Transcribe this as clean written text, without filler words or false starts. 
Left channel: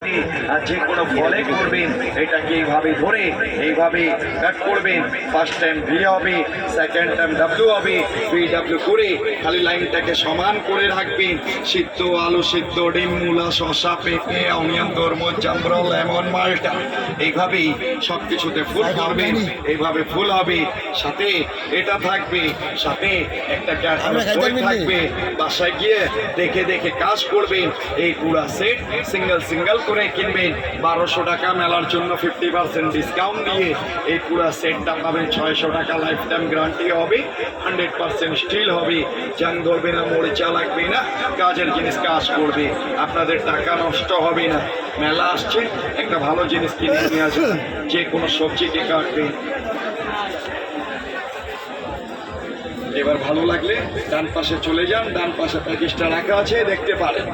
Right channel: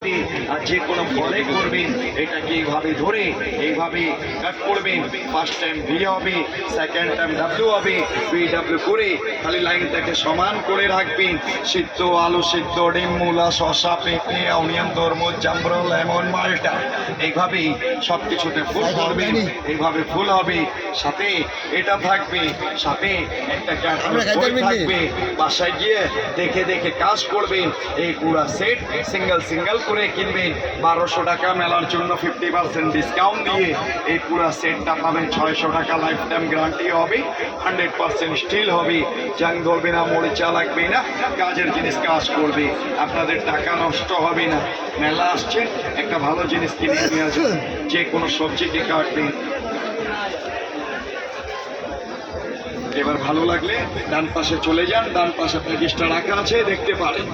যে কোনো ফলে করবেন এটাকে এইভাবে ধরে এইভাবে কাট করবেন। ফার্স্ট টাইম ভি হবে, সেকেন্ড টাইম ডাব্লিউ হবে, ডাব্লিউ করে খালি লাইনটাকে সমান করে রাখবেন। সিদ্ধ আলু সিদ্ধ, ডিম, মূলা, শসা, পেঁপে, অনিয়ন, তরমুজ, জামরুল, লেমন, মালটা, এইভাবেই সব কিছুতে ফুল করবেন। এইভাবে ফুল হবে, সাথে এটা থাকবে, সাথে একটা থাকবে। বাসায় গিয়ে দেখে দেখে কাজ করবেন। এই পুরা সেট সিঙ্গেল সিঙ্গেল করে কিনবেন। 1200 টাকা, মেলার জন্য 50% ডিসকাউন্ট দিয়ে এই পুরা সেটটা পাবেন 600 টাকা। লাইফ টাইম গ্যারান্টি হবে, 100% স্টিল হবে, জাং ধরবে না, মরিচা লাগবে না, কাজের জিনিস কাজ করবে, আপনাদের টাকা নষ্ট হবে না। মেলা আসছেন, একটা ভালো জিনিস কিনে নিয়ে আসবেন। যে কোনো সবজিকে কাটবেন। এবার ভালো লাগলে ডান পাশে চলে যান, ডান পাশে প্যাকেজটা রাখা আছে, দেখতে পারেন।